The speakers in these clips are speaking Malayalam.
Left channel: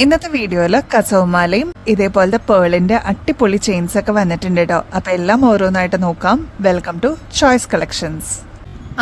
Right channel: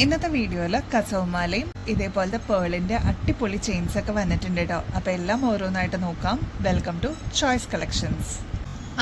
ഇന്നത്തെ വീഡിയോയിൽ കസവുമാലയും ഇതേപോലത്തെ പേളിന്റെ അട്ടിപ്പൊളി ചെയിൻസ് ഒക്കെ വന്നിട്ടുണ്ട് കേട്ടോ. അപ്പൊ എല്ലാം ഓരോന്നായിട്ട് നോക്കാം. Welcome to choice collections.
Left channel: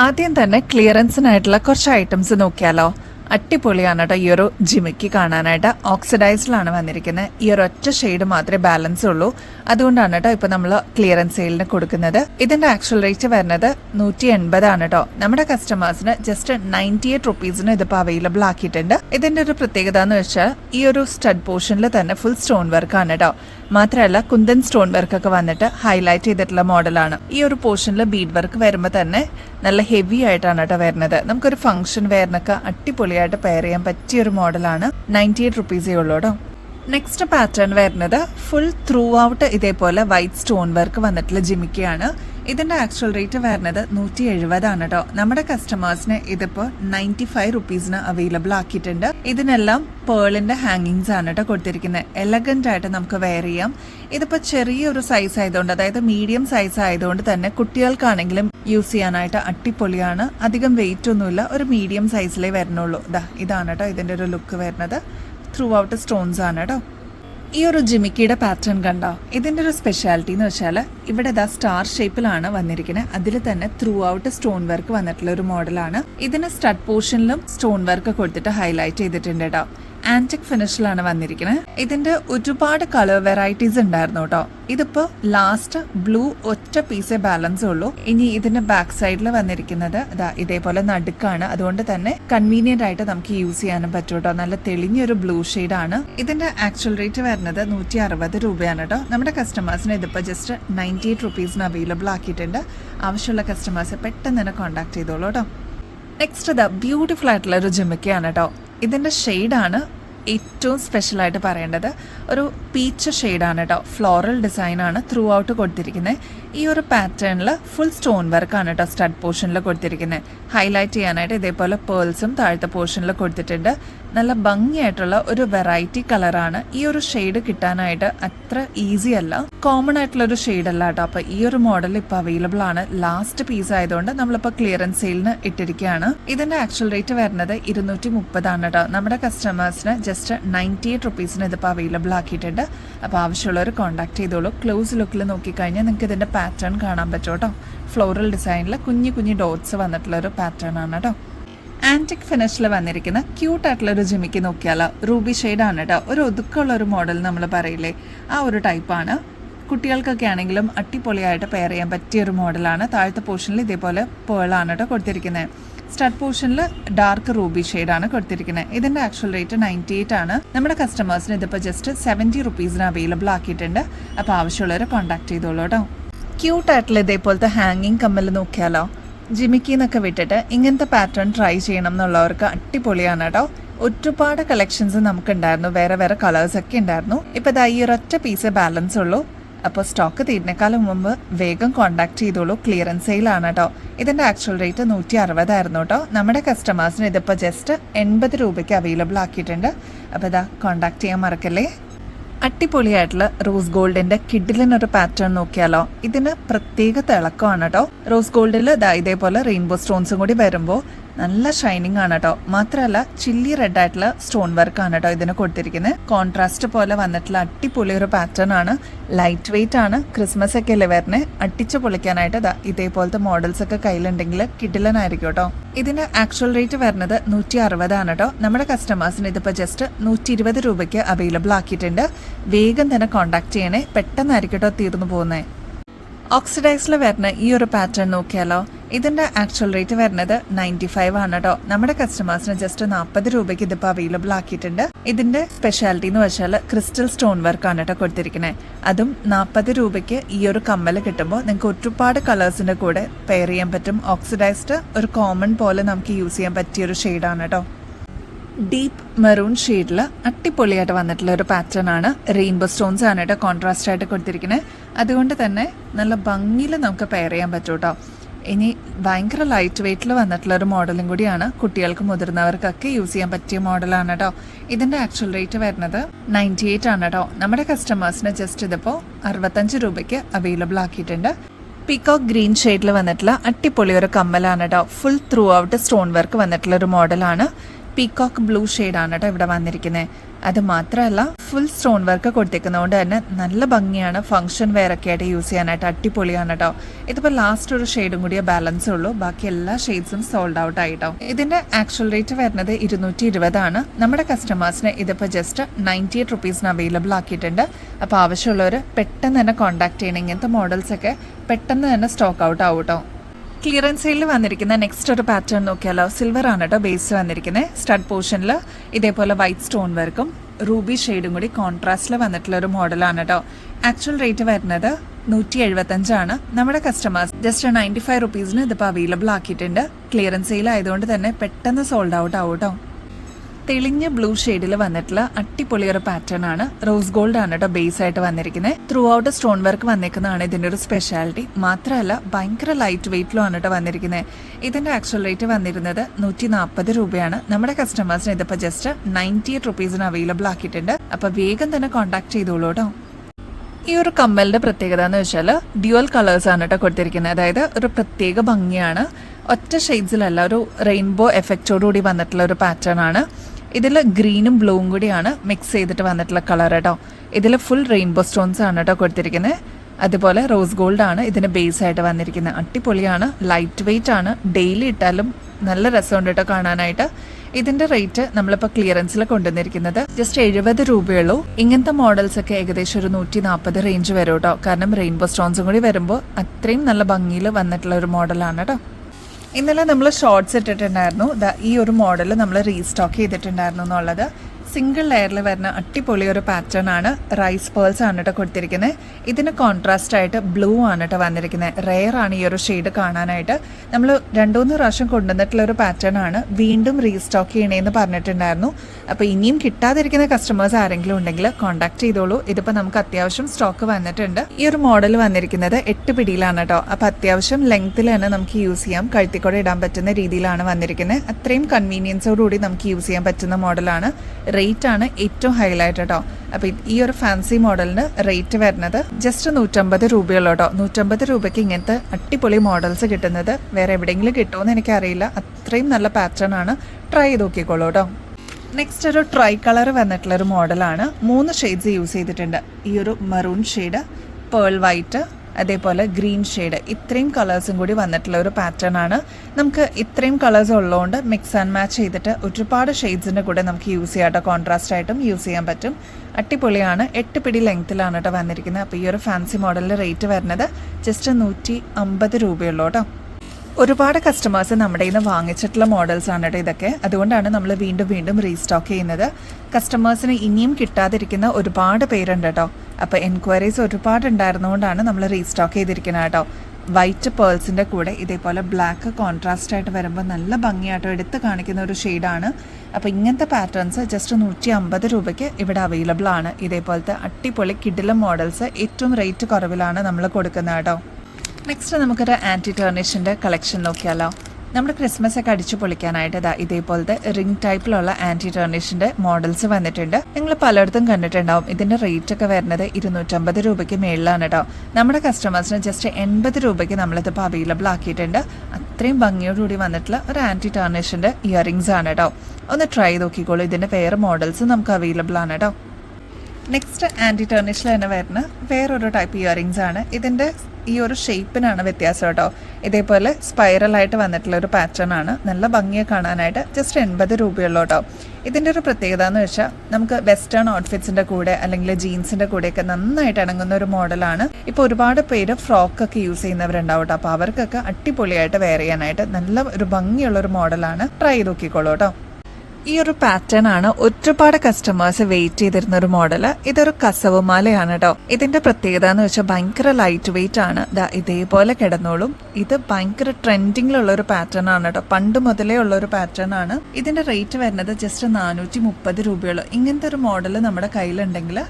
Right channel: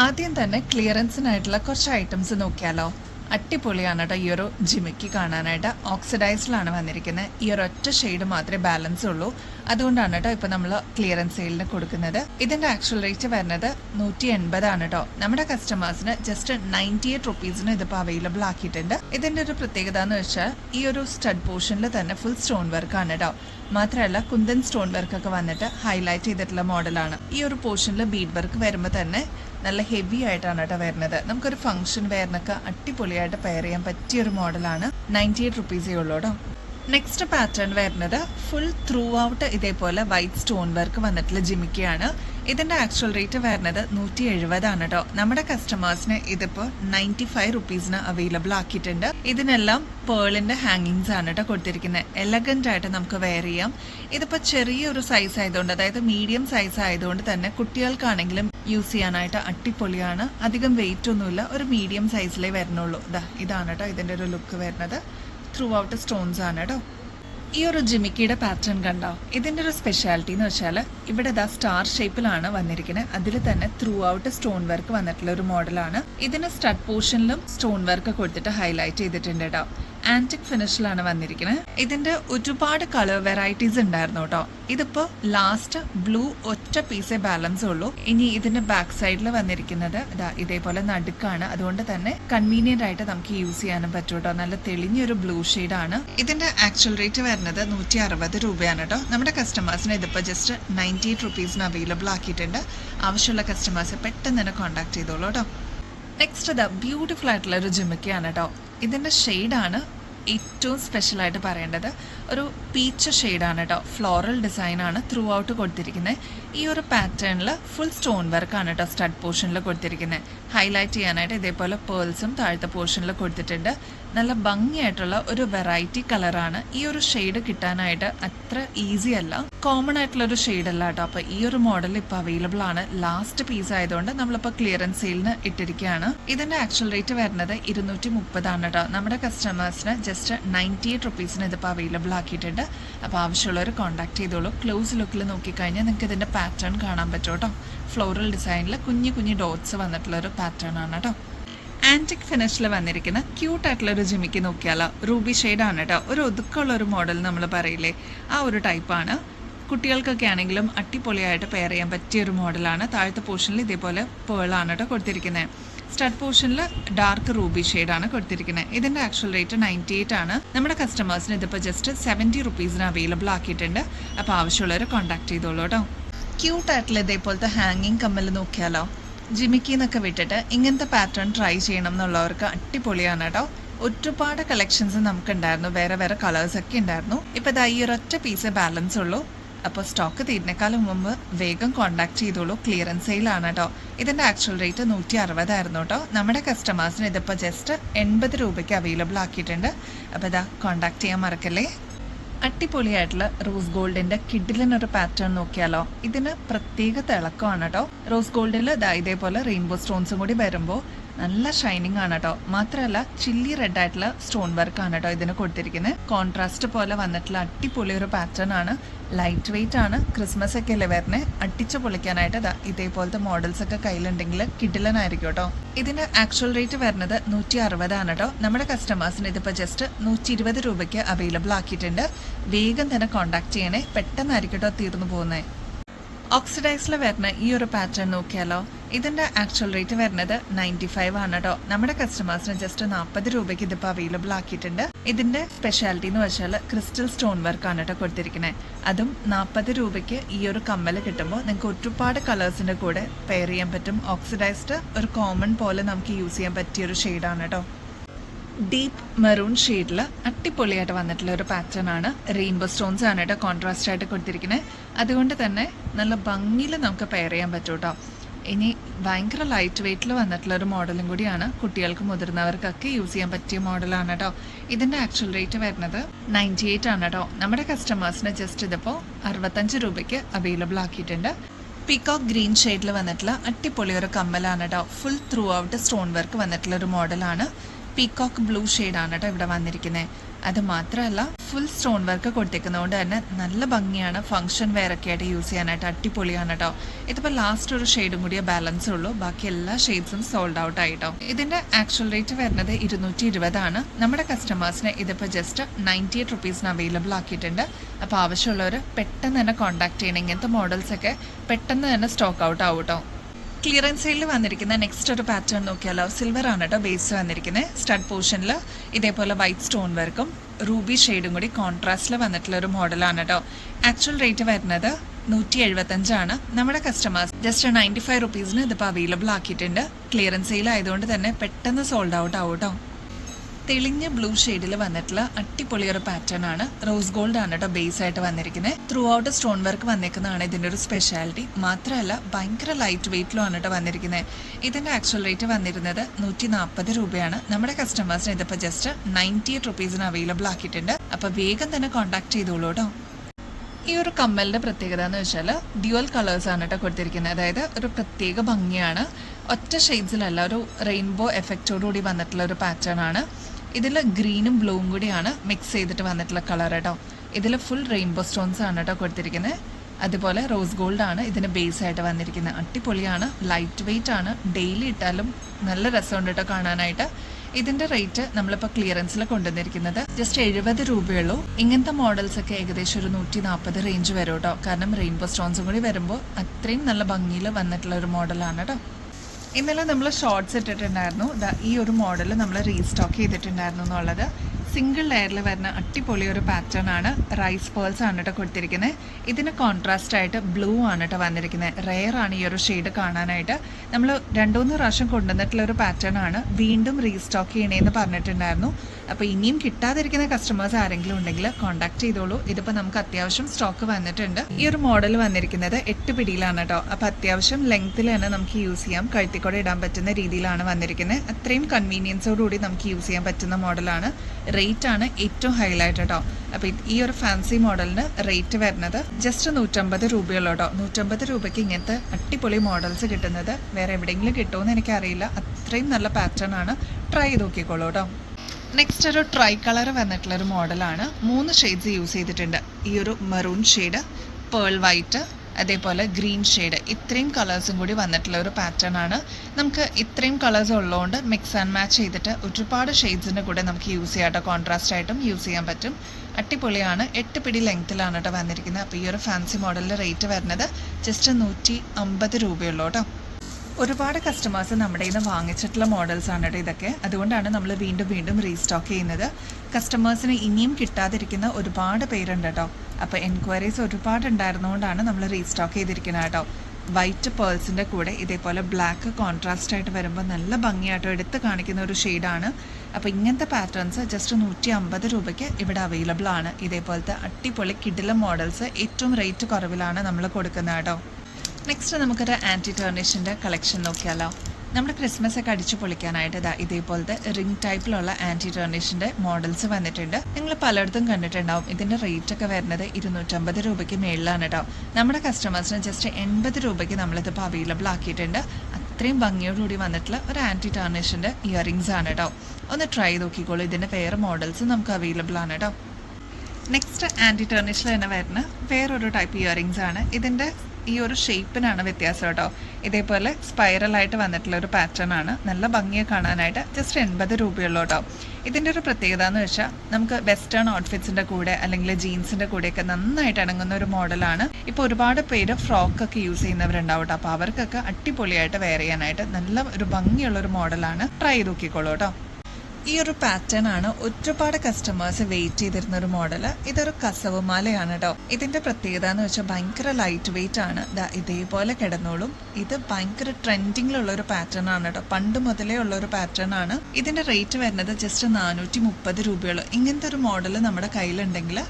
ആദ്യം തന്നെ ക്ലിയറൻസിനായിട്ടുള്ള കുറച്ച് ഐറ്റംസ് നോക്കിയാലോ. അട്ടിപ്പൊളിയാണ് കേട്ടോ ഈ ഒരു ജിമിക്ക് കാണാനായിട്ട്. ഓക്സിഡൈസ്ഡിലാണ് വന്നിരിക്കുന്നത്. ഈ ഒരു ഒറ്റ ഷെയ്ഡ് മാത്രമേ ബാലൻസ് ഉള്ളൂ. അതുകൊണ്ടാണ് കേട്ടോ ഇപ്പൊ നമ്മൾ ക്ലിയറൻസ് സെയിലിന് കൊടുക്കുന്നത്. ഇതിന്റെ ആക്ച്വൽ റേറ്റ് വരുന്നത് 180 ആണ് കേട്ടോ. നമ്മുടെ കസ്റ്റമേഴ്സിന് ജസ്റ്റ് 98 റുപ്പീസിന് ഇതിപ്പോ അവൈലബിൾ ആക്കിയിട്ടുണ്ട്. ഇതിന്റെ ഒരു പ്രത്യേകത എന്ന് വെച്ചാൽ ഈ ഒരു സ്റ്റഡ് പോർഷനിൽ തന്നെ ഫുൾ സ്റ്റോൺ വർക്ക് ആണ് കേട്ടോ. മാത്രമല്ല കുന്തൻ സ്റ്റോൺ വർക്ക് ഒക്കെ വന്നിട്ട് ഹൈലൈറ്റ് ചെയ്തിട്ടുള്ള മോഡലാണ്. ഈ ഒരു പോർഷനിൽ ബീഡ് വർക്ക് വരുമ്പോൾ തന്നെ നല്ല ഹെവി ആയിട്ടാണ് കേട്ടോ വരുന്നത്. നമുക്കൊരു ഫംഗ്ഷൻ വെയറിനൊക്കെ അടിപൊളിയായിട്ട് പെയർ ചെയ്യാൻ പറ്റിയ ഒരു മോഡലാണ്. 98 റുപ്പീസേ ഉള്ളൂ കേട്ടോ. നെക്സ്റ്റ് പാറ്റേൺ വരുന്നത് ഫുൾ ത്രൂ ഔട്ട് ഇതേപോലെ വൈറ്റ് സ്റ്റോൺ വർക്ക് വന്നിട്ടുള്ള ജിമിക്കയാണ്. ഇതിന്റെ ആക്ച്വൽ റേറ്റ് വരുന്നത് 170 ആണ് കേട്ടോ. നമ്മുടെ കസ്റ്റമേഴ്സിന് ഇതിപ്പോ 95 റുപ്പീസിന് അവൈലബിൾ ആക്കിയിട്ടുണ്ട്. ഇതിനെല്ലാം പേളിന്റെ ഹാങ്ങിങ്സ് ആണ് കേട്ടോ കൊടുത്തിരിക്കുന്നത്. എലഗന്റ് ആയിട്ട് നമുക്ക് വെയർ ചെയ്യാം. ഇതിപ്പോ ചെറിയൊരു സൈസ് ആയതുകൊണ്ട്, അതായത് മീഡിയം സൈസ് ആയതുകൊണ്ട് തന്നെ കുട്ടികൾക്കാണെങ്കിലും യൂസ് ചെയ്യാനായിട്ട് അടിപൊളിയാണ്. അധികം വെയിറ്റ് ഒന്നുമില്ല, ഒരു മീഡിയം സൈസിലേ വരുന്നുള്ളൂ. ഇതാണ് കേട്ടോ ഇതിന്റെ ഒരു ലുക്ക് വരുന്നത്. ത്രൂ ഔട്ട് സ്റ്റോൺസ് ആണ് കേട്ടോ. ഈ ഒരു ജിമിക്കിയുടെ പാറ്റേൺ കണ്ടോ. ഇതിന്റെ ഒരു സ്പെഷ്യാലിറ്റി എന്ന് വെച്ചാൽ ഇവിടെ സ്റ്റാർ ഷേപ്പിലാണ് വന്നിരിക്കുന്നത്. അതിൽ തന്നെ ത്രൂ ഔട്ട് സ്റ്റോൺ വർക്ക് വന്നിട്ടുള്ള ഒരു മോഡലാണ്. ഇതിന് സ്റ്റഡ് പോർഷനിലും സ്റ്റോൺ വർക്ക് കൊടുത്തിട്ട് ഹൈലൈറ്റ് ചെയ്തിട്ടുണ്ട് കേട്ടോ. ആന്റിക് ഫിനിഷിലാണ് വന്നിരിക്കുന്നത്. ഇതിന്റെ ഒരുപാട് കളർ വെറൈറ്റീസ് ഉണ്ടായിരുന്നു കേട്ടോ. ഇതിപ്പോ ലാസ്റ്റ് ബ്ലൂ ഒറ്റ പീസേ ബാലൻസ് ഉള്ളൂ. ഇനി ഇതിന്റെ ബാക്ക് സൈഡിൽ വന്നിരിക്കുന്നത് ഇതേപോലെ നടുക്കാണ്. അതുകൊണ്ട് തന്നെ കൺവീനിയന്റ് ആയിട്ട് നമുക്ക് യൂസ് ചെയ്യാനും പറ്റും കേട്ടോ. നല്ല തെളിഞ്ഞൊരു ബ്ലൂ ഷെയ്ഡ് ആണ്. ഇതിന്റെ ആക്ച്വൽ റേറ്റ് വരുന്നത് 160 രൂപയാണ് കേട്ടോ. നമ്മുടെ കസ്റ്റമേഴ്സിന് ഇതിപ്പോ ജസ്റ്റ് 98 റുപ്പീസിന് അവൈലബിൾ ആക്കിയിട്ടുണ്ട്. ആവശ്യമുള്ള കസ്റ്റമേഴ്സ് പെട്ടെന്ന് തന്നെ കോൺടാക്ട് ചെയ്തോളൂ കേട്ടോ. നെക്സ്റ്റ് ബ്യൂട്ടിഫുൾ ആയിട്ടുള്ള ഒരു ജിമിക്കയാണ് കേട്ടോ. ഇതിന്റെ ഷെയ്ഡാണ് ഏറ്റവും സ്പെഷ്യൽ ആയിട്ട് പറയേണ്ടത്. ഒരു പീച്ച് ഷെയ്ഡാണ് കേട്ടോ. ഫ്ലോറൽ ഡിസൈൻ ആണ് ത്രൂ ഔട്ട് കൊടുത്തിരിക്കുന്നത്. ഈ ഒരു പാറ്റേണിൽ ഫുൾ സ്റ്റോൺ വർക്കാണ് കേട്ടോ സ്റ്റഡ് പോർഷനിൽ കൊടുത്തിരിക്കുന്നത്. ഹൈലൈറ്റ് ചെയ്യാനായിട്ട് ഇതേപോലെ പേൾസും താഴത്തെ പോർഷനിൽ കൊടുത്തിട്ടുണ്ട്. നല്ല ഭംഗിയായിട്ടുള്ള ഒരു വെറൈറ്റി കളറാണ്. ഈ ഒരു ഷെയ്ഡ് കിട്ടാനായിട്ട് അത്ര ഈസി അല്ല, കോമൺ ആയിട്ടുള്ള ഒരു ഷെയ്ഡ് അല്ല കേട്ടോ. അപ്പൊ ഈ ഒരു മോഡൽ ഇപ്പൊ അവൈലബിൾ ആണ്. ലാസ്റ്റ് പീസ് ആയതുകൊണ്ട് നമ്മളിപ്പോ ക്ലിയറൻസ് സെയിലിന് ഇട്ടിരിക്കുകയാണ്. ഇതിന്റെ ആക്ച്വൽ റേറ്റ് വരുന്നത് 230 ആണ് കേട്ടോ. നമ്മുടെ കസ്റ്റമേഴ്സിന് ജസ്റ്റ് 98 റുപ്പീസിന് ഇതിപ്പോ അവൈലബിൾ ആക്കിയിട്ടുണ്ട്. അപ്പൊ ആവശ്യമുള്ളവർ കോൺടാക്ട് ചെയ്തോളൂ. ക്ലോസ് ലുക്കിൽ നോക്കിക്കഴിഞ്ഞാൽ നിങ്ങൾക്ക് ഇതിന്റെ പാറ്റേൺ കാണാൻ പറ്റും കേട്ടോ. ഫ്ലോറൽ ഡിസൈനിൽ കുഞ്ഞു കുഞ്ഞു ഡോട്ട്സ് വന്നിട്ടുള്ള ഒരു പാറ്റേൺ ആണ് കേട്ടോ. ആന്റിക് ഫിനിഷിൽ വന്നിരിക്കുന്ന ക്യൂട്ട് ആയിട്ടുള്ള ഒരു ജിമിക്ക് നോക്കിയാലോ. റൂബി ഷെയ്ഡ് ആണ് കേട്ടോ. ഒരു ഒതുക്കമുള്ള ഒരു മോഡൽ നമ്മൾ പറയില്ലേ, ആ ഒരു ടൈപ്പാണ്. കുട്ടികൾക്കൊക്കെ ആണെങ്കിലും അടിപൊളിയായിട്ട് പെയർ ചെയ്യാൻ പറ്റിയ ഒരു മോഡലാണ്. താഴത്തെ പോർഷനിൽ ഇതേപോലെ പേളാണ് കേട്ടോ കൊടുത്തിരിക്കുന്നത്. സ്റ്റഡ് പോർഷനിൽ ഡാർക്ക് റൂബി ഷെയ്ഡാണ് കൊടുത്തിരിക്കുന്നത്. ഇതിന്റെ ആക്ച്വൽ റേറ്റ് 98 ആണ്. നമ്മുടെ കസ്റ്റമേഴ്സിന് ഇതിപ്പോൾ ജസ്റ്റ് 70 റുപ്പീസിന് അവൈലബിൾ ആക്കിയിട്ടുണ്ട്. അപ്പോൾ ആവശ്യമുള്ളവരെ കോൺടാക്ട് ചെയ്തോളൂ കേട്ടോ. ക്യൂട്ടായിട്ടുള്ള ഇതേപോലത്തെ ഹാങ്ങിങ് കമ്മൽ നോക്കിയാലോ. ജിമിക്കിന്നൊക്കെ വിട്ടിട്ട് ഇങ്ങനത്തെ പാറ്റേൺ ട്രൈ ചെയ്യണം എന്നുള്ളവർക്ക് അടിപൊളിയാണ് കേട്ടോ. ഒരുപാട് കളക്ഷൻസ് നമുക്ക് ഉണ്ടായിരുന്നു. വേറെ വേറെ കളേഴ്സ് ഒക്കെ ഉണ്ടായിരുന്നു. ഇപ്പൊ ഈ ഒരൊറ്റ പീസ് ബാലൻസ് ഉള്ളൂ. അപ്പോൾ സ്റ്റോക്ക് തീരുന്നേക്കാളും മുമ്പ് വേഗം കോൺടാക്ട് ചെയ്തോളൂ. ക്ലിയറൻസ് സെയിലാണ് കേട്ടോ. ഇതിന്റെ ആക്ച്വൽ റേറ്റ് 160 ആയിരുന്നു കേട്ടോ. നമ്മുടെ കസ്റ്റമേഴ്സിന് ഇതിപ്പോൾ ജസ്റ്റ് 80 രൂപയ്ക്ക് അവൈലബിൾ ആക്കിയിട്ടുണ്ട്. അപ്പോൾ കോൺടാക്ട് ചെയ്യാൻ മറക്കല്ലേ. അടിപൊളിയായിട്ടുള്ള റോസ് ഗോൾഡിന്റെ കിഡിലിനൊരു പാറ്റേൺ നോക്കിയാലോ. ഇതിന് പ്രത്യേക തിളക്കമാണ് കേട്ടോ. റോസ് ഗോൾഡിൽ ഇതേപോലെ റെയിൻബോ സ്റ്റോൺസും കൂടി വരുമ്പോൾ നല്ല ഷൈനിങ് ആണ് കേട്ടോ. മാത്രമല്ല ചില്ലി റെഡ് ആയിട്ടുള്ള സ്റ്റോൺ വർക്ക് ആണ് കേട്ടോ ഇതിന് കൊടുത്തിരിക്കുന്നത്. കോൺട്രാസ്റ്റ് പോലെ വന്നിട്ടുള്ള അടിപൊളി ഒരു പാറ്റേൺ ആണ്. ലൈറ്റ് വെയിറ്റ് ആണ്. ക്രിസ്മസ് ഒക്കെ അല്ലേ വരുന്നത്, അടിച്ചു പൊളിക്കാനായിട്ട് ഇതേപോലത്തെ മോഡൽസ് ഒക്കെ കയ്യിലുണ്ടെങ്കിൽ കിഡിലനായിരിക്കും കേട്ടോ. ഇതിന്റെ ആക്ച്വൽ റേറ്റ് വരുന്നത് 160 ആണ് കേട്ടോ. നമ്മുടെ കസ്റ്റമേഴ്സിന് ഇതിപ്പോൾ ജസ്റ്റ് 120 രൂപയ്ക്ക് അവൈലബിൾ ആക്കിയിട്ടുണ്ട്. വേഗം തന്നെ കോൺടാക്ട് ചെയ്യണേ. പെട്ടെന്നായിരിക്കും കേട്ടോ തീർന്നു പോകുന്നത്. ഓക്സിഡൈസിൽ വരുന്ന ഈ ഒരു പാറ്റേൺ നോക്കിയാലോ. ഇതിന്റെ ആക്ച്വൽ റേറ്റ് വരുന്നത് 95 ആണ് കേട്ടോ. നമ്മുടെ കസ്റ്റമേഴ്സിന് ജസ്റ്റ് 40 രൂപയ്ക്ക് ഇതിപ്പോൾ അവൈലബിൾ ആക്കിയിട്ടുണ്ട്. ഇതിന്റെ സ്പെഷ്യാലിറ്റി എന്ന് വെച്ചാൽ ക്രിസ്റ്റൽ സ്റ്റോൺ വർക്ക് ആണ് കേട്ടോ കൊടുത്തിരിക്കുന്നത്. അതും 40 രൂപയ്ക്ക് ഈ ഒരു കമ്മൽ കിട്ടുമ്പോൾ നിങ്ങൾക്ക് ഒരുപാട് കളേഴ്സിന്റെ കൂടെ പെയർ ചെയ്യാൻ പറ്റും. ഓക്സിഡൈസ്ഡ് ഒരു കോമൺ പോലെ നമുക്ക് യൂസ് ചെയ്യാൻ പറ്റിയ ഒരു ഷെയ്ഡാണ് കേട്ടോ. ഡീപ്പ് മെറൂൺ ഷെയ്ഡിൽ അടിപൊളിയായിട്ട് വന്നിട്ടുള്ള ഒരു പാറ്റേൺ ആണ്. റെയിൻബോ സ്റ്റോൺസ് ആണ് കേട്ടോ കോൺട്രാസ്റ്റ് ആയിട്ട് കൊടുത്തിരിക്കുന്നത്. അതുകൊണ്ട് തന്നെ നല്ല ഭംഗിയിൽ നമുക്ക് പെയർ ചെയ്യാൻ പറ്റും കേട്ടോ. ഇനി ഭയങ്കര ലൈറ്റ് വെയിറ്റിൽ വന്നിട്ടുള്ള ഒരു മോഡലും കൂടിയാണ്. കുട്ടികൾക്ക് മുതിർന്നവർക്കൊക്കെ യൂസ് ചെയ്യാൻ പറ്റിയ മോഡലാണ് കേട്ടോ. ഇതിന്റെ ആക്ച്വൽ റേറ്റ് വരുന്നത് 98 ആണ് കേട്ടോ. നമ്മുടെ കസ്റ്റമേഴ്സിന് ജസ്റ്റ് ഇതിപ്പോൾ 65 രൂപയ്ക്ക് അവൈലബിൾ ആക്കിയിട്ടുണ്ട്. പീകോക്ക് ഗ്രീൻ ഷെയ്ഡിൽ വന്നിട്ടുള്ള അടിപൊളി ഒരു കമ്മലാണ് കേട്ടോ. Full through out stone work വന്നിട്ടുള്ള ഒരു മോഡലാണ്. പീകോക്ക് ബ്ലൂ ഷെയ്ഡാണ് കേട്ടോ ഇവിടെ വന്നിരിക്കുന്നത്. അത് മാത്രമല്ല ഫുൾ സ്റ്റോൺ വർക്ക് കൊടുത്തേക്കുന്നതുകൊണ്ട് തന്നെ നല്ല ഭംഗിയാണ്. ഫംഗ്ഷൻ വെയർ ഒക്കെ ആയിട്ട് യൂസ് ചെയ്യാനായിട്ട് അടിപൊളിയാണ് കേട്ടോ. ഇതിപ്പോൾ ലാസ്റ്റ് ഒരു ഷെയ്ഡും കൂടിയേ ബാലൻസ് ഉള്ളൂ, ബാക്കി എല്ലാ ഷെയ്ഡ്സും സോൾഡ് ഔട്ട് ആയിട്ടോ. ഇതിന്റെ ആക്ച്വൽ റേറ്റ് വരുന്നത് 220 നമ്മുടെ കസ്റ്റമേഴ്സിന് ഇതിപ്പോൾ ജസ്റ്റ് 98 റുപ്പീസിന് അവൈലബിൾ ആക്കിയിട്ടുണ്ട്. അപ്പോൾ ആവശ്യമുള്ളവർ പെട്ടെന്ന് തന്നെ കോൺടാക്ട് ചെയ്യണം. ഇങ്ങനത്തെ മോഡൽസ് ഒക്കെ പെട്ടെന്ന് തന്നെ സ്റ്റോക്ക് ഔട്ട് ആവും കേട്ടോ. ക്ലിയറൻസ് സെയിലിൽ വന്നിരിക്കുന്ന നെക്സ്റ്റ് ഒരു പാറ്റേൺ നോക്കിയാലോ. സിൽവർ ആണ് കേട്ടോ ബേസ് വന്നിരിക്കുന്നത്. സ്റ്റഡ് പോർഷനിൽ ഇതേപോലെ വൈറ്റ് സ്റ്റോൺ വർക്കും റൂബി ഷെയ്ഡും കൂടി കോൺട്രാസ്റ്റിൽ വന്നിട്ടുള്ള ഒരു മോഡലാണ് കേട്ടോ. ആക്ച്വൽ റേറ്റ് വരുന്നത് 175 നമ്മുടെ കസ്റ്റമേഴ്സ് ജസ്റ്റ് 95 റുപ്പീസിന് ഇതിപ്പോൾ അവൈലബിൾ ആക്കിയിട്ടുണ്ട്. ക്ലിയറൻസ് സെയിൽ ആയതുകൊണ്ട് തന്നെ പെട്ടെന്ന് സോൾഡ് ഔട്ട് ആവും കേട്ടോ. തെളിഞ്ഞ ബ്ലൂ ഷെയ്ഡിൽ വന്നിട്ടുള്ള അടിപൊളി ഒരു പാറ്റേൺ ആണ്. റോസ് ഗോൾഡ് ആണ് കേട്ടോ ബേസ് ആയിട്ട് വന്നിരിക്കുന്നത്. ത്രൂ ഔട്ട് സ്റ്റോൺ വർക്ക് വന്നിരിക്കുന്നതാണ് ഇതിന്റെ ഒരു സ്പെഷ്യാലിറ്റി. മാത്രമല്ല ഭയങ്കര ലൈറ്റ് വെയിറ്റിലുമാണ് കേട്ടോ വന്നിരിക്കുന്നത്. ഇതിന്റെ ആക്ച്വൽ റേറ്റ് വന്നിരുന്നത് 140 രൂപയാണ്. നമ്മുടെ കസ്റ്റമേഴ്സിന് ഇതിപ്പോൾ ജസ്റ്റ് 98 റുപ്പീസിന് അവൈലബിൾ ആക്കിയിട്ടുണ്ട്. അപ്പോൾ വേഗം തന്നെ കോൺടാക്ട് ചെയ്തോളൂ കേട്ടോ. ഈ ഒരു കമ്മലിന്റെ പ്രത്യേകത എന്ന് വെച്ചാൽ ഡ്യുവൽ കളേഴ്സ് ആണ് കേട്ടോ കൊടുത്തിരിക്കുന്നത്. അതായത് ഒരു പ്രത്യേക ഭംഗിയാണ്. ഒറ്റ ഷെയ്ഡ്സിലല്ല, ഒരു റെയിൻബോ എഫക്റ്റോടുകൂടി വന്നിട്ടുള്ള ഒരു പാറ്റേൺ ആണ്. ഇതിൽ ഗ്രീനും ബ്ലൂവും കൂടിയാണ് മിക്സ് ചെയ്തിട്ട് വന്നിട്ടുള്ള കളർ കേട്ടോ. ഇതിൽ ഫുൾ റെയിൻബോ സ്റ്റോൺസ് ആണ് കേട്ടോ കൊടുത്തിരിക്കുന്നത്. അതുപോലെ റോസ് ഗോൾഡ് ആണ് ഇതിന് ബേസ് ആയിട്ട് വന്നിരിക്കുന്നത്. അടിപൊളിയാണ്, ലൈറ്റ് വെയിറ്റ് ആണ്. ഡെയിലി ഇട്ടാലും നല്ല രസമുണ്ട് കേട്ടോ കാണാനായിട്ട്. ഇതിന്റെ റേറ്റ് നമ്മളിപ്പോൾ ക്ലിയറൻസിൽ കൊണ്ടുവന്നിരിക്കുന്നത് ജസ്റ്റ് 70 രൂപയുള്ളൂ. ഇങ്ങനത്തെ മോഡൽസ് ഒക്കെ ഏകദേശം ഒരു 140 റേഞ്ച് വരും കേട്ടോ. കാരണം റെയിൻബോ സ്റ്റോൺസും കൂടി വരുമ്പോൾ അത്രയും നല്ല ഭംഗിയിൽ വന്നിട്ടുള്ള ഒരു മോഡലാണ് കേട്ടോ. ഇന്നലെ നമ്മൾ ഷോർട്ട്സ് ഇട്ടിട്ടുണ്ടായിരുന്നു. ഈ ഒരു മോഡൽ നമ്മൾ റീസ്റ്റോക്ക് ചെയ്തിട്ടുണ്ടായിരുന്നു എന്നുള്ളത്. സിംഗിൾ ലെയറിൽ വരുന്ന അടിപൊളി ഒരു പാറ്റേൺ ആണ്. റൈസ് പേൾസ് ആണ് കേട്ടോ കൊടുത്തിരിക്കുന്നത്. ഇതിന് കോൺട്രാസ്റ്റ് ആയിട്ട് ബ്ലൂ ആണ് കേട്ടോ വന്നിരിക്കുന്നത്. റെയർ ആണ് ഈ ഒരു ഷെയ്ഡ് കാണാനായിട്ട്. നമ്മൾ 2-3 പ്രാവശ്യം കൊണ്ടുവന്നിട്ടുള്ള ഒരു പാറ്റേൺ ആണ്. വീണ്ടും റീസ്റ്റോക്ക് ചെയ്യണേന്ന് പറഞ്ഞിട്ടുണ്ടായിരുന്നു. അപ്പോൾ ഇനിയും കിട്ടാതിരിക്കുന്ന കസ്റ്റമേഴ്സ് ആരെങ്കിലും ഉണ്ടെങ്കിൽ കോൺടാക്ട് ചെയ്തോളൂ. ഇതിപ്പോൾ നമുക്ക് അത്യാവശ്യം സ്റ്റോക്ക് വന്നിട്ടുണ്ട്. ഈ ഒരു മോഡൽ വന്നിരിക്കുന്നത് 8 പിടിയിലാണ് കേട്ടോ. അപ്പോൾ അത്യാവശ്യം ലെങ്ത്തിൽ തന്നെ നമുക്ക് യൂസ് ചെയ്യാം. കഴുത്തിക്കൂടെ ഇടാൻ പറ്റുന്ന രീതിയിലാണ് വന്നിരിക്കുന്നത്. അത്രയും കൺവീനിയൻസോടുകൂടി നമുക്ക് യൂസ് ചെയ്യാൻ പറ്റുന്ന മോഡലാണ്. റേറ്റ് ആണ് ഏറ്റവും ഹൈലൈറ്റ് കേട്ടോ. അപ്പൊ ഈ ഒരു ഫാൻസി മോഡലിന് റേറ്റ് വരുന്നത് ജസ്റ്റ് 150 രൂപയുള്ളൂ കേട്ടോ. 150 രൂപയ്ക്ക് ഇങ്ങനത്തെ അടിപൊളി മോഡൽസ് കിട്ടുന്നത് വേറെ എവിടെയെങ്കിലും കിട്ടുമെന്ന് എനിക്കറിയില്ല. അത്രയും നല്ല പാറ്റേൺ ആണ്. ട്രൈ ചെയ്ത് നോക്കിക്കോളൂ കേട്ടോ. നെക്സ്റ്റ് ഒരു ട്രൈ കളർ വന്നിട്ടുള്ള ഒരു മോഡലാണ്. 3 ഷെയ്ഡ്സ് യൂസ് ചെയ്തിട്ടുണ്ട്. ഈ ഒരു മറൂൺ ഷെയ്ഡ്, പേൾ വൈറ്റ്, അതേപോലെ ഗ്രീൻ ഷെയ്ഡ്, ഇത്രയും കളേഴ്സും കൂടി വന്നിട്ടുള്ള ഒരു പാറ്റേൺ ആണ്. നമുക്ക് ഇത്രയും കളേഴ്സ് ഉള്ളതുകൊണ്ട് മിക്സ് ആൻഡ് മാച്ച് ചെയ്തിട്ട് ഒരുപാട് ഷെയ്ഡ്സിൻ്റെ കൂടെ നമുക്ക് യൂസ് ചെയ്യാം കേട്ടോ. കോൺട്രാസ്റ്റ് ആയിട്ടും യൂസ് ചെയ്യാൻ പറ്റും. അടിപൊളിയാണ്. 8 പിടി ലെങ്ത്തിലാണ് കേട്ടോ വന്നിരിക്കുന്നത്. അപ്പോൾ ഈ ഒരു ഫാൻസി മോഡലിൻ്റെ റേറ്റ് വരുന്നത് ജസ്റ്റ് 150 രൂപയുള്ളൂ കേട്ടോ. ഒരുപാട് കസ്റ്റമേഴ്സ് നമ്മുടെ നിന്ന് വാങ്ങിച്ചിട്ടുള്ള മോഡൽസ് ആണ് കേട്ടോ ഇതൊക്കെ. അതുകൊണ്ടാണ് നമ്മൾ വീണ്ടും വീണ്ടും റീസ്റ്റോക്ക് ചെയ്യുന്നത്. കസ്റ്റമേഴ്സിന് ഇനിയും കിട്ടാതിരിക്കുന്ന ഒരുപാട് പേരുണ്ട് കേട്ടോ. അപ്പോൾ എൻക്വയറീസ് ഒരുപാട് ഉണ്ടായിരുന്നുകൊണ്ടാണ് നമ്മൾ റീസ്റ്റോക്ക് ചെയ്തിരിക്കുന്നത് കേട്ടോ. വൈറ്റ് പേൾസിൻ്റെ കൂടെ ഇതേപോലെ ബ്ലാക്ക് കോൺട്രാസ്റ്റ് ആയിട്ട് വരുമ്പോൾ നല്ല ഭംഗിയായിട്ടോ എടുത്ത് കാണിക്കുന്ന ഒരു ഷെയ്ഡാണ്. അപ്പോൾ ഇങ്ങനത്തെ പാറ്റേൺസ് ജസ്റ്റ് 150 രൂപയ്ക്ക് ഇവിടെ അവൈലബിൾ ആണ്. ഇതേപോലത്തെ അടിപൊളി കിഡിലും മോഡൽസ് ഏറ്റവും റേറ്റ് കുറവിലാണ് നമ്മൾ കൊടുക്കുന്നത് കേട്ടോ. നെക്സ്റ്റ് നമുക്കൊരു ആൻറ്റി ടേർണിഷിൻ്റെ കളക്ഷൻ നോക്കിയാലോ. നമ്മുടെ ക്രിസ്മസ് ഒക്കെ അടിച്ചു പൊളിക്കാനായിട്ട് ഇതേപോലത്തെ റിംഗ് ടൈപ്പിലുള്ള ആൻറ്റി ടേർണിഷിൻ്റെ മോഡൽസ് വന്നിട്ടുണ്ട്. നിങ്ങൾ പലയിടത്തും കണ്ടിട്ടുണ്ടാവും. ഇതിൻ്റെ റേറ്റ് ഒക്കെ വരുന്നത് 250 രൂപയ്ക്ക് മേളിലാണ് കേട്ടോ. നമ്മുടെ കസ്റ്റമേഴ്സിന് ജസ്റ്റ് 80 രൂപയ്ക്ക് നമ്മളിതിപ്പോൾ അവൈലബിൾ ആക്കിയിട്ടുണ്ട്. അത്രയും ഭംഗിയോടുകൂടി വന്നിട്ടുള്ള ഒരു ആൻറ്റി ടേർണിഷിൻ്റെ ഇയറിങ്സ് ആണ് കേട്ടോ. ഒന്ന് ട്രൈ നോക്കിക്കോളൂ. ഇതിൻ്റെ വേറെ മോഡൽസ് നമുക്ക് അവൈലബിൾ ആണ് കേട്ടോ. നെക്സ്റ്റ് ആൻറ്റി ടേർണിഷിൽ തന്നെ വരുന്ന വേറൊരു ടൈപ്പ് ഇയറിങ്സ് ആണ്. ഇതിൻ്റെ ഈ ഒരു ഷേപ്പിനാണ് വ്യത്യാസം കേട്ടോ. ഇതേപോലെ സ്പൈറലായിട്ട് വന്നിട്ടുള്ള ഒരു പാറ്റേൺ ആണ്. നല്ല ഭംഗിയെ കാണാനായിട്ട് ജസ്റ്റ് 80 രൂപയുള്ളൂ കേട്ടോ. ഇതിൻ്റെ ഒരു പ്രത്യേകത എന്ന് വെച്ചാൽ നമുക്ക് വെസ്റ്റേൺ ഔട്ട്ഫിറ്റ്സിൻ്റെ കൂടെ അല്ലെങ്കിൽ ജീൻസിൻ്റെ കൂടെയൊക്കെ നന്നായിട്ട് ഇണങ്ങുന്ന ഒരു മോഡലാണ്. ഇപ്പോൾ ഒരുപാട് പേര് ഫ്രോക്കൊക്കെ യൂസ് ചെയ്യുന്നവരുണ്ടാവും കേട്ടോ. അപ്പോൾ അവർക്കൊക്കെ അടിപൊളിയായിട്ട് വെയർ ചെയ്യാനായിട്ട് നല്ല ഒരു ഭംഗിയുള്ള ഒരു മോഡലാണ്. ട്രൈ ചെയ്ത് നോക്കിക്കോളൂ കേട്ടോ. ഈ ഒരു പാറ്റേൺ ആണ് ഒരുപാട് കസ്റ്റമേഴ്സ് വെയിറ്റ് ചെയ്തിരുന്ന ഒരു മോഡല്. ഇതൊരു കസവ് മാലയാണ് കേട്ടോ. ഇതിന്റെ പ്രത്യേകത എന്ന് വെച്ചാൽ ഭയങ്കര ലൈറ്റ് വെയിറ്റ് ആണ്. ഇതേപോലെ കിടന്നോളും. ഇത് ഭയങ്കര ട്രെൻഡിങ്ങിലുള്ള ഒരു പാറ്റേൺ ആണ് കേട്ടോ. പണ്ട് മുതലേ ഉള്ള ഒരു പാറ്റേൺ ആണ്. ഇതിന്റെ റേറ്റ് വരുന്നത് ജസ്റ്റ് 430 രൂപയുള്ളൂ. ഇങ്ങനത്തെ ഒരു മോഡൽ നമ്മുടെ കയ്യിലുണ്ടെങ്കിൽ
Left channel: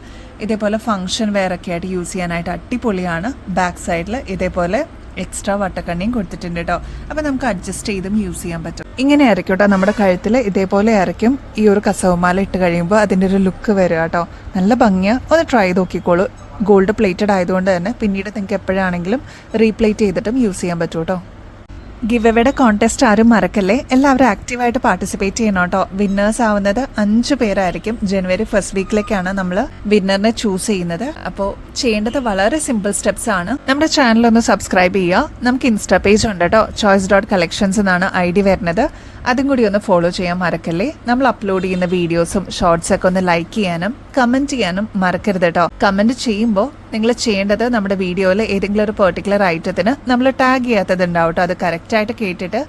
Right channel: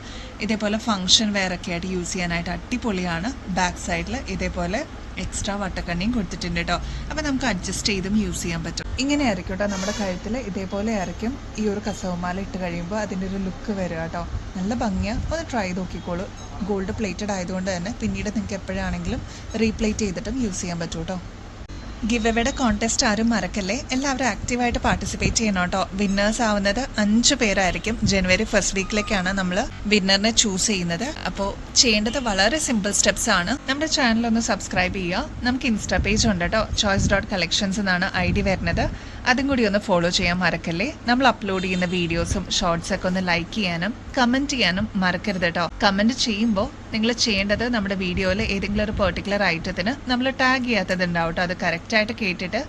ഇതേപോലെ ഫംഗ്ഷൻ വെയർ ഒക്കെ ആയിട്ട് യൂസ് ചെയ്യാനായിട്ട് അടിപൊളിയാണ്. ബാക്ക് സൈഡിൽ ഇതേപോലെ എക്സ്ട്രാ വട്ടക്കണ്ണിയും കൊടുത്തിട്ടുണ്ട് കേട്ടോ. അപ്പോൾ നമുക്ക് അഡ്ജസ്റ്റ് ചെയ്തും യൂസ് ചെയ്യാൻ പറ്റും. ഇങ്ങനെ ആയിരിക്കും കേട്ടോ നമ്മുടെ കഴുത്തിൽ ഇതേപോലെ ആയിരിക്കും ഈ ഒരു കസവുമാല ഇട്ട് കഴിയുമ്പോൾ അതിൻ്റെ ഒരു ലുക്ക് വരിക കേട്ടോ. നല്ല ഭംഗിയാണ്. ഒന്ന് ട്രൈ ചെയ്ത് നോക്കിക്കോളൂ. ഗോൾഡ് പ്ലേറ്റഡ് ആയതുകൊണ്ട് തന്നെ പിന്നീട് നിങ്ങൾക്ക് എപ്പോഴാണെങ്കിലും റീപ്ലേറ്റ് ചെയ്തിട്ടും യൂസ് ചെയ്യാൻ പറ്റും കേട്ടോ. ഗിവ് എവേയുടെ കോൺടെസ്റ്റ് ആരും മറക്കല്ലേ, എല്ലാവരും ആക്റ്റീവായിട്ട് പാർട്ടിസിപ്പേറ്റ് ചെയ്യണം കേട്ടോ. വിന്നേഴ്സ് ആവുന്നത് 5 പേരായിരിക്കും. ജനുവരി ഫസ്റ്റ് വീക്കിലേക്കാണ് നമ്മൾ വിന്നറിനെ ചൂസ് ചെയ്യുന്നത്. അപ്പോൾ ചെയ്യേണ്ടത് വളരെ സിമ്പിൾ സ്റ്റെപ്സ് ആണ്. നമ്മുടെ ചാനൽ ഒന്ന് സബ്സ്ക്രൈബ് ചെയ്യുക. നമുക്ക് ഇൻസ്റ്റാ പേജ് ഉണ്ട് കേട്ടോ, choice.collections എന്നാണ് ID വരുന്നത്. അതും കൂടി ഒന്ന് ഫോളോ ചെയ്യാൻ മറക്കല്ലേ. നമ്മൾ അപ്ലോഡ് ചെയ്യുന്ന വീഡിയോസും ഷോർട്സ് ഒക്കെ ഒന്ന് ലൈക്ക് ചെയ്യാനും കമന്റ് ചെയ്യാനും മറക്കരുത് കേട്ടോ. കമന്റ് ചെയ്യുമ്പോൾ നിങ്ങൾ ചെയ്യേണ്ടത് നമ്മുടെ വീഡിയോയിൽ ഏതെങ്കിലും ഒരു പെർട്ടിക്കുലർ ഐറ്റത്തിന് നമ്മൾ ടാഗ് ചെയ്യാത്തത് ഉണ്ടാവും കേട്ടോ. അത് കറക്റ്റായിട്ട് കേട്ടിട്ട്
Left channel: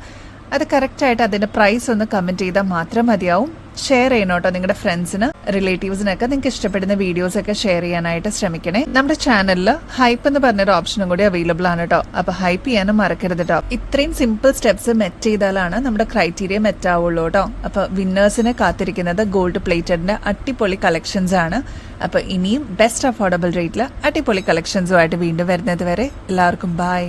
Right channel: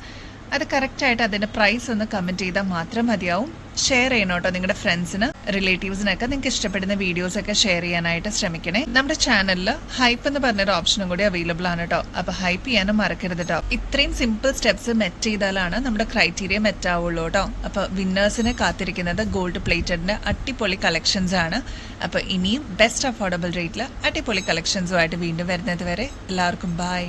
അത് കറക്റ്റായിട്ട് അതിന്റെ പ്രൈസ് ഒന്ന് കമന്റ് ചെയ്താൽ മാത്രം മതിയാവും. ഷെയർ ചെയ്യണം കേട്ടോ നിങ്ങളുടെ ഫ്രണ്ട്സിന്, റിലേറ്റീവ്സിനൊക്കെ. നിങ്ങൾക്ക് ഇഷ്ടപ്പെടുന്ന വീഡിയോസ് ഒക്കെ ഷെയർ ചെയ്യാനായിട്ട് ശ്രമിക്കണേ. നമ്മുടെ ചാനലിൽ ഹൈപ്പ് എന്ന് പറഞ്ഞൊരു ഓപ്ഷനും കൂടി അവൈലബിൾ ആണ് കേട്ടോ. അപ്പൊ ഹൈപ്പ് ചെയ്യാനും മറക്കരുത് കേട്ടോ. ഇത്രയും സിമ്പിൾ സ്റ്റെപ്സ് മെറ്റ് ചെയ്താലാണ് നമ്മുടെ ക്രൈറ്റീരിയ മെറ്റ് ആവുള്ളൂ കേട്ടോ. അപ്പൊ വിന്നേഴ്സിനെ കാത്തിരിക്കുന്നത് ഗോൾഡ് പ്ലേറ്റഡിന്റെ അടിപൊളി കളക്ഷൻസ് ആണ്. അപ്പൊ ഇനിയും ബെസ്റ്റ് അഫോർഡബിൾ റേറ്റിൽ അടിപൊളി കളക്ഷൻസുമായിട്ട് വീണ്ടും വരുന്നത് വരെ എല്ലാവർക്കും ബൈ.